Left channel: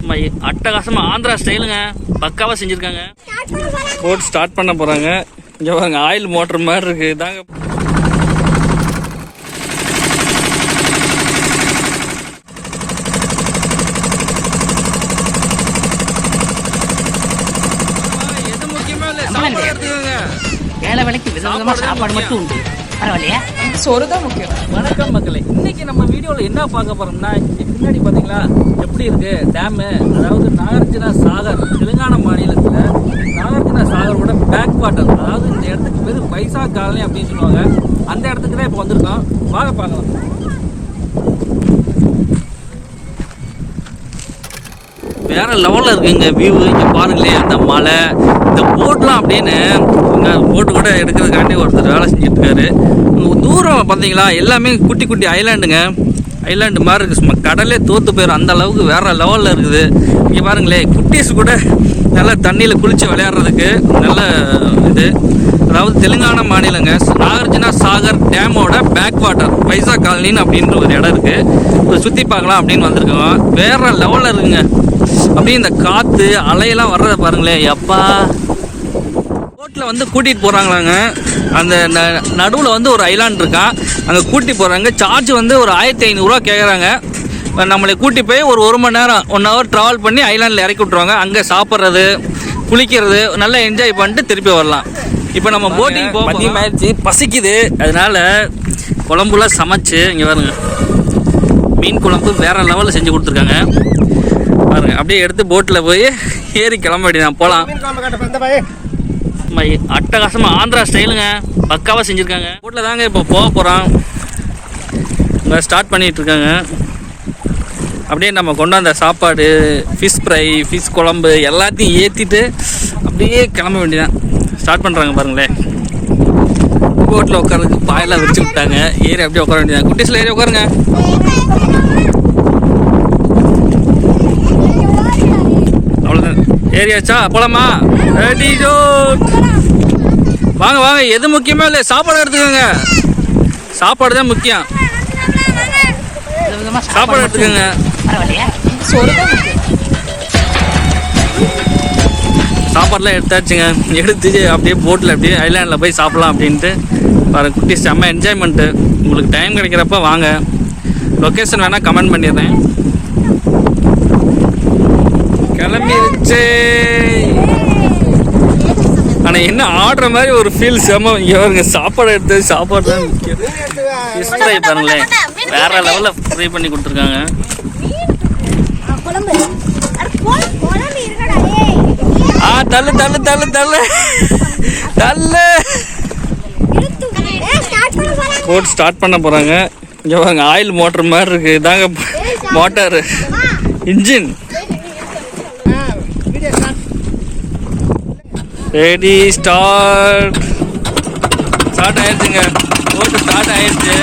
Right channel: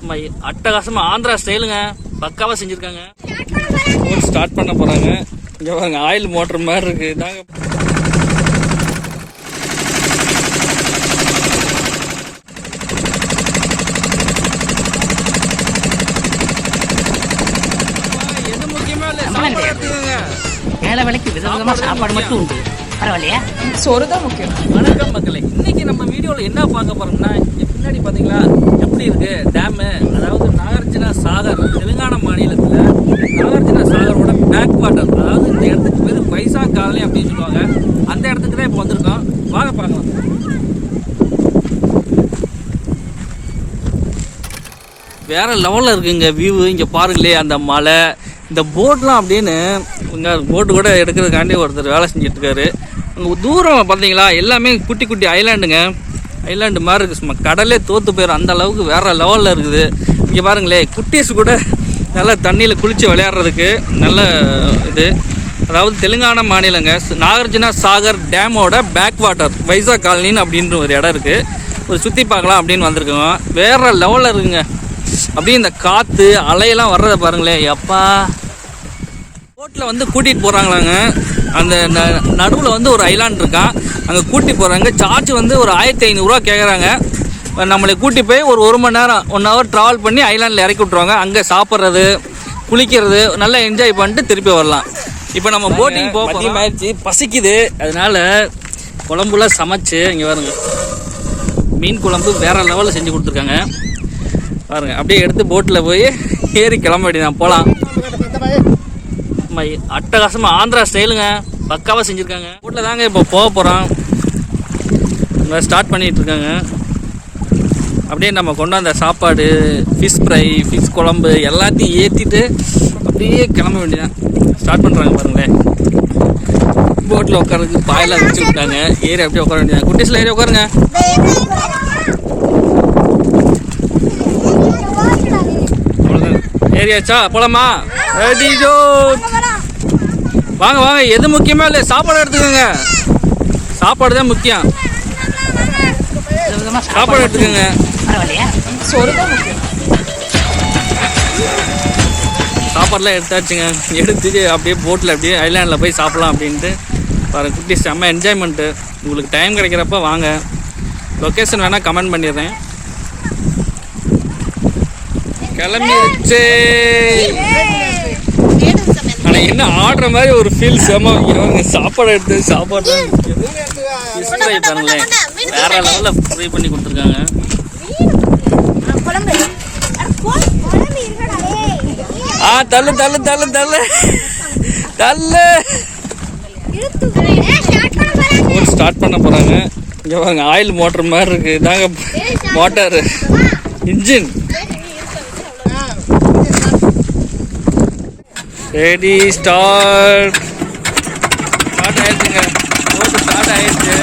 சும்மா அட்டகாசமா ஆந்திரா ஸ்டைலுங்க பக்காவா செஞ்சிருக்காங்க. போட் ஸ்டார்ட் பண்ண போறாங்க. இங்க பாருங்க ஆயில் மோட்டர் மாதிரி இருக்கு. இதாங்க. எது முக்கியமா இல்ல சம்பளம் சாப்பாடு கிடையாது. எடுத்துக்கோங்க. வேலை வேலைக்கு விதவிதமா சாப்பாடு மட்டும் உண்டு. பரவாயில்லையா? சோறு தான் முக்கியம். வணக்கம் மக்களே. இன்னைக்கு நம்ம வீடியோவில் என்ன பார்க்க போறோம்னா இங்க பின்னாடி பாத்தீங்களா எப்படி இருக்கு டேமு அதாவது நாகார்ஜுனா சாகர் தெலுங்கானா மாநிலத்தில் நாகார்ஜுனா சாகரோட பேக் வாட்டர் அதாவது இந்த இடத்துக்கு பேர் பைசா காலனி அப்படின்னு சொல்லுவாங்க. அந்த இடத்துக்கு தான் இப்போ வந்திருக்கோம். வாங்க பார்க்கலாம். வேற லெவலில் இருக்குங்க வியூ இங்கே பாருங்களே அந்த மலை இந்த போட்லாம் அப்படின்னு இங்கே போட்டு கூட எடுக்கிறதுக்காண்டி ஒருத்தர் வேலை செஞ்சுட்டு தூரம் பார்த்தீங்களா? எல்லாமே குட்டி குட்டி ஐலாண்டுங்க ஐலாண்டு மாதிரி இருக்குது சும்மா கடலே தோற்று போயிடும் அந்த அளவுக்கு வேறு லெவலில் இருக்குது. இங்கே பாருங்களேன் குட்டீஸ் கூட நல்லா தண்ணியில் குளித்து விளையாடுறதுக்கு நல்ல இது. அதாவது தெலுங்கானா மாநிலங்க. நாகார்ஜுனா சாகர் டேமோட பேக் வாட்டர் பைசா காலனின்னு அப்படின்ற ஒரு இடம் இருக்குது சுற்றி பார்க்கலாம் அப்படின்னு வந்திருக்கோம். வேறு லெவலில் இருக்குங்க. அப்படியே இந்த காற்று அலையெல்லாம் வர்றதை பாருங்களேன். எப்பா போட்டில் வந்து கூட்டிகிட்டு போகிறாங்களாங்க அந்த நடுவில் வந்து ஒரு ஐலாண்ட் இருக்கான் அங்கே கூட்டி போகிறாங்க சார்ஜ் வந்து ஒரு ஆயிரத்தி ஐநூறுரூவா கேட்குறாங்க நம்மளை கூட்டி போய் ஒரு ஒரு மணி நேரம் ஒன் ஹவர் ட்ராவல் பண்ணி ஐலாண்டில் இறக்கி விட்ருவாங்க அங்கே சாப்பிட்றது குளிக்கிறது நல்லா என்ஜாய் பண்ணிட்டு திருப்பி வரலாம். இப்போ நம்ம போட்டிங் போக ஆயிடுச்சு பசிக்குது. அதனால குழம்புலாம் சமைச்சு இங்கே பாருங்க. மீன் குழம்பு வேற லெவலில் செஞ்சு கொடுத்துருக்காங்க. பாருங்க அப்படியே எடுத்து போட்டில் போய் ஏறி கிளம்ப வேண்டியதான் போகலாம் அட்டகாசமாக ஆந்திரா ஸ்டைலுங்க. பக்காவாக செஞ்சுருக்காங்க. ரோட்டில் தாங்க இப்போ போக போகிறோம் இங்கே ஸ்டார்ட் பண்ணிகிட்ருக்காங்க இருக்காங்க. அப்படியே நம்ம கொண்டாந்த சாப்பாடு ஃபிஷ் ஃப்ரை ஃபிஷ் குழம்பு எல்லாத்தையும் ஏற்றிட்டு அப்படியே கிளம்ப வேண்டியதான் ஸ்டார்ட் பண்ணுறாங்க பாருங்களேன். போட்டில் உட்காரதுக்கு பாயெல்லாம் வச்சு விட்டாங்க. ஏறி அப்படியே உட்கார வேண்டியதான் குட்டீஸில் ஏறி உட்காருங்க. ஏரியாச்சா போலாமா? ரெடி ஜோ வாங்க வாங்க. எது முக்கியமா இல்லை சாப்பாடு எடுத்துக்கோங்க. சாப்பாடு தான் முக்கியம். சாப்பாடு எடுத்துக்கோங்க. பரவாயில்லையா? சோறு தான் முக்கியம். சாப்பாடுலாம் எடுத்தாச்சுங்க. எடுத்து அப்படியே போட்டில் அப்படியே ஐலாண்டில் போய் சாப்பிட்லாம் அப்படின்ட்டு பாரு குட்டி செம்ம என்ஜாய்மெண்ட்டு உங்களுக்கு டைம் கிடைக்கிறப்ப வாங்க. லொக்கேஷன் வேணால் கமெண்ட் பண்ணிடுறேன். கிளம்பிருச்சு ஆனால் என்ன ஆடுற மாதிரி ஒரு ஃபீல் செம்ம இவங்க சாப்பாடு எடுத்து சாப்பாடு தான் முக்கியம். ஃபிஷ் ஃப்ரை பாருங்களேன் வேற லெவலில் ஃப்ரை பண்ணி கொடுத்துருக்காங்க. ஆ தள்ளு தள்ளு தள்ளு தள்ளு. தள்ளு. போட் ஸ்டார்ட் பண்ண போகிறாங்க இங்கே பாருங்க ஆயில் மோட்டர் மாதிரி இருக்குது இதாங்க motor. Engine ready start start ஆயிடுச்சுங்க போட்டு ஸ்டார்ட் ஆயிடுச்சு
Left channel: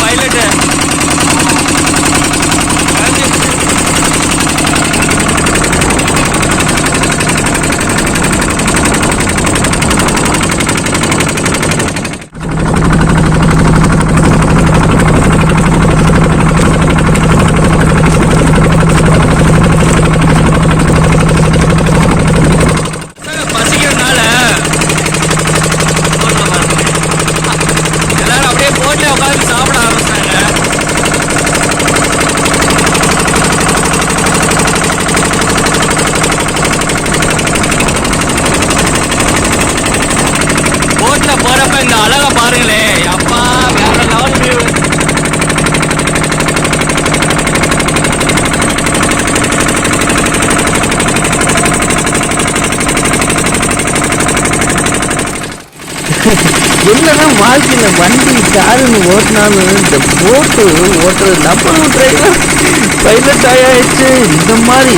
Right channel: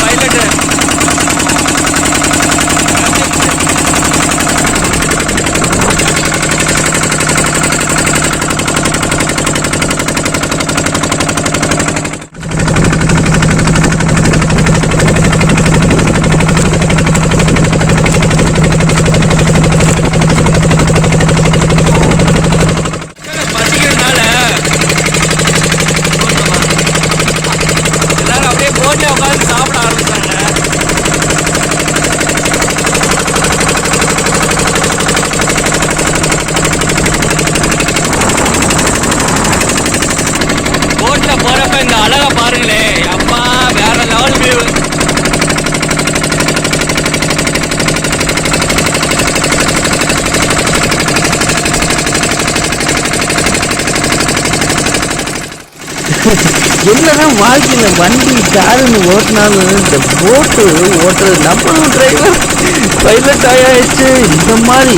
பைலட்டு பசிக்கிறதுனால போட்ல பாருங்க எல்லாரும் அப்படியே போட்ல உட்காந்து சாப்பிட ஆரம்பிச்சாங்க போட்ல போறப்ப இந்த அழகா பாருங்களே. அப்பா வேற லெவல் வியூ என்னதான் வாழ்க்கையில வண்டி காருன்னு ஓட்டினாலும் இந்த போட்டு ஓட்டுறது நம்மளும் டிரைவர் பைலட் ஆயாச்சு. இந்த மாதிரி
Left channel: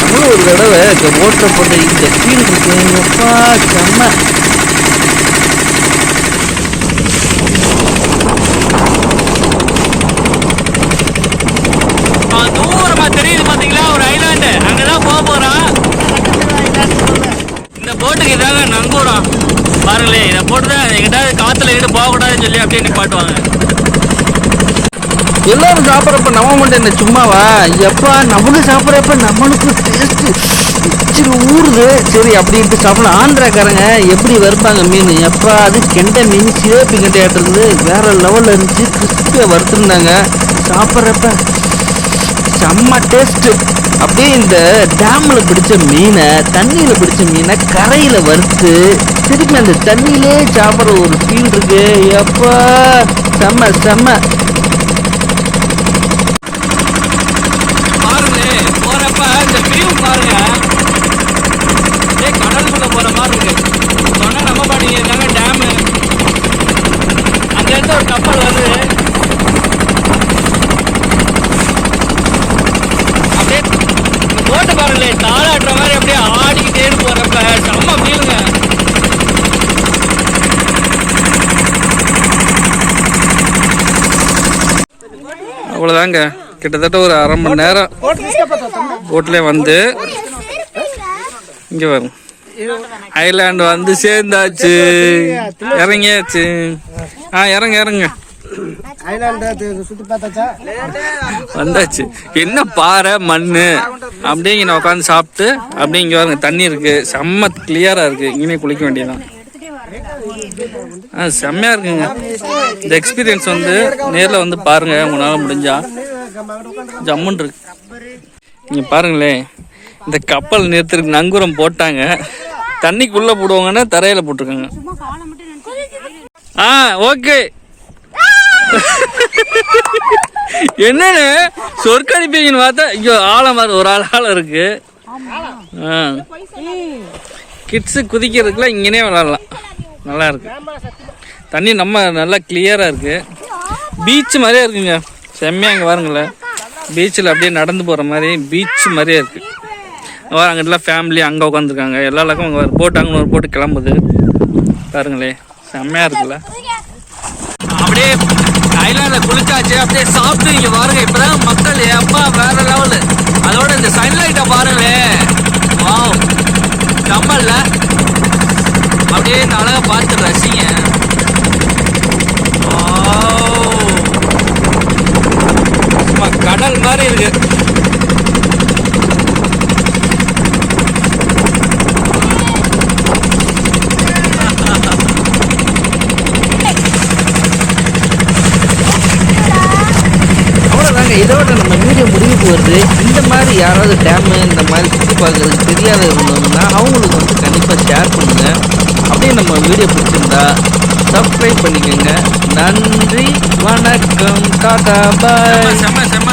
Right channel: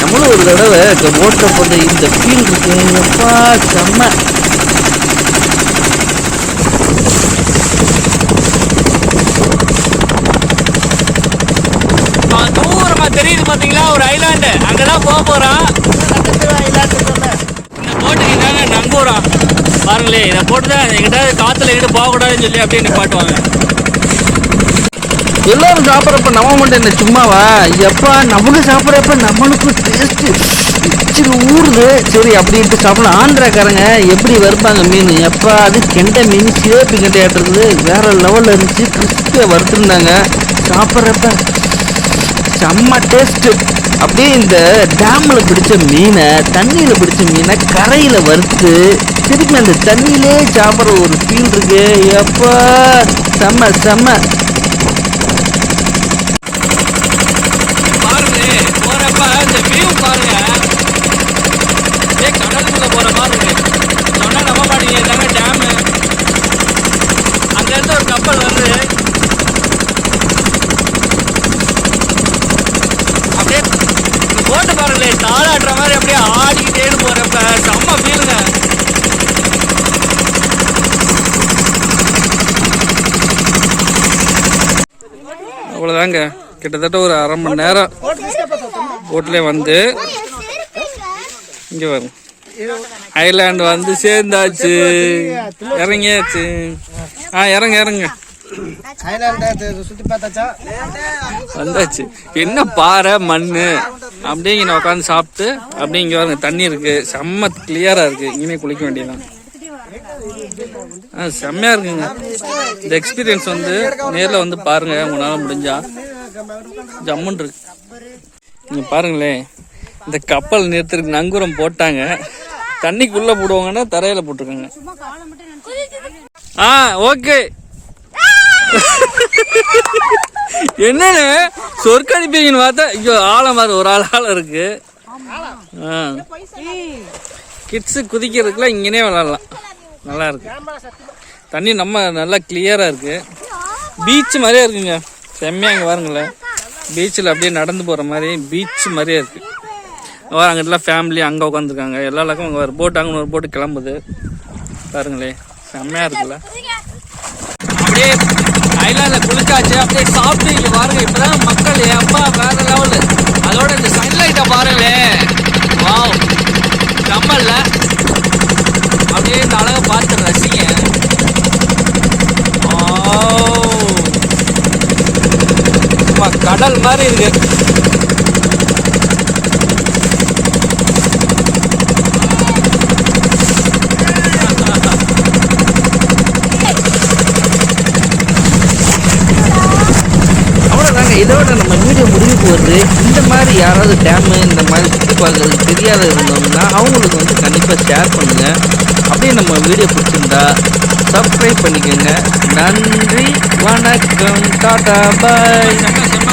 நம்மளும் ஒரு தடவை இந்த ஓட்டுற போட்ட இந்த ஃபீல் இருக்கு. எப்பா செம்ம தூரமா தெரியுது பாத்தீங்களா? ஒரு ஐலாண்டு. அங்கதான் போக போறோம் இந்த போட்டுக்கு இதாங்க நங்கூரம். பாருங்களே இதை போட்டு தான் எங்கிட்ட காத்துல எங்கிட்ட போகக்கூடாதுன்னு சொல்லி அப்படியே நிப்பாட்டுவாங்க. எல்லாரும் சாப்பிட்றப்ப நம்ம மட்டும் என்ன சும்மாவா? எப்பா நம்மளும் சாப்பிட்றப்ப நம்மளுக்கு டேஸ்ட்டு சரி ஊறுது. சரி அப்படின்ட்டு சாப்பிடலாம் ஆந்திராக்காரங்க எப்படி வறுப்பாங்க மீன்? எப்பா அது கெண்டை மீன் சிலேபி கெண்டையாட்டு வேற லெவலில் இருந்துச்சு. கிறிஸ்பியாக வறுத்துருந்தாங்க. சாப்பிட்றப்ப செம்ம டேஸ்ட் அப்படியே இந்த டேமில் பிடிச்ச மீனை தண்ணியில் பிடிச்ச மீனை கரையில் வறுத்து திருப்பி அந்த தண்ணியிலே சாப்பிட்ற ஒரு ஃபீல் இருக்கு. எப்பா செம்ம செம்ம. பாருங்களே போறப்ப இந்த வியூ பாருங்க. ஏ கடலுக்குள்ள போற மாதிரி இருக்கு. சொன்னா நம்ம மாட்டீங்க இதாங்க டேமு அங்க இருந்து ஒரு கப்பல் வருது அப்படியே இந்த போட்டு பாருங்களே தாளாட்டுற மாதிரி அப்படியே ஆடிக்கிட்டேன்னு போறப்ப செம்ம ஃபீலுங்க அவ்வளோதாங்க கிட்டத்தட்ட ஒரு அரை மணி நேரம் போட்டில் வந்து இங்கே வரும் ஐலாண்டு வந்து சேர்ந்தாச்சு. இறங்கியாச்சு. ஆ இறங்க இறங்க. வந்தாச்சு. என்ன பாறை மண் அப்படியே இங்கே உட்காந்து சாப்பிட்டு அப்படியே இங்கே வருங்க தண்ணி இருக்குது செம்ம கிளியராக இருக்குது இங்கேயே குளிக்க வேண்டியதான் ஆ செம்மையாக இருக்குங்க. இந்த எக்ஸ்பீரியன்ஸ் வந்து நேரில் வந்து பாருங்கள் உங்களால் முடிஞ்சா. ஜம்முன் இருக்கு. நீங்கள் பாருங்களேன் இந்த கப்பல் நிறுத்துறதுக்கு நங்கூரம் போட்டாங்க. தண்ணிக்குள்ளே போடுவாங்கன்னா தரையில் போட்டிருக்காங்க. ஆ ஓகே என்னன்னு சொர்க்க பார்த்தா ஐயோ ஆழம் மாதிரி ஒரு ஆள் ஆழம் இருக்கு. கிட்ஸு குதிக்கிறதுக்குலாம் இங்கேனே விளாட்லாம். நல்லா இருக்கு. தண்ணி நம்ம நல்லா கிளியராக இருக்கு. பீச் மாதிரியே இருக்குங்க. செம்மையாக இங்கே பாருங்களேன். பீச்சில் அப்படியே நடந்து போகிற மாதிரி பீச் மாதிரியே இருக்கு. வர அங்கிட்டலாம் ஃபேமிலி அங்கே உட்காந்துருக்காங்க எல்லா இலக்கும் அங்கே போட்டு அங்கே ஒரு போட்டு கிளம்புது. பாருங்களே செம்மையாக இருக்குல்ல. அப்படியே ஐலாண்ட்ல குளிச்சாச்சு. அப்படியே சாப்பிட்டு இங்க பாருங்க இப்பதான் மக்கள் அப்பா வேற லெவலு அதோட இந்த சன்லைட்டை பாருங்களேன். வாவ் செம்மல்ல அப்படியே இந்த அழகை பார்த்து ரசிங்க. கடல் மாதிரி இருக்கு அவ்வளோதாங்க இதோட நம்ம வீடியோ முடிவுக்கு வருது இந்த மாதிரி யாராவது டேமு இந்த மாதிரி சுற்றி பார்க்குறதுக்கு தெரியாத இருந்தோம்னா அவங்களுக்கு வந்து கண்டிப்பாக ஷேர் பண்ணுங்கள் அப்படியே நம்ம வீடியோ பிடிச்சிருந்தா சப்ஸ்கிரைப் பண்ணிக்கோங்க. நன்றி வணக்கம் டாடா பாய் செம்ம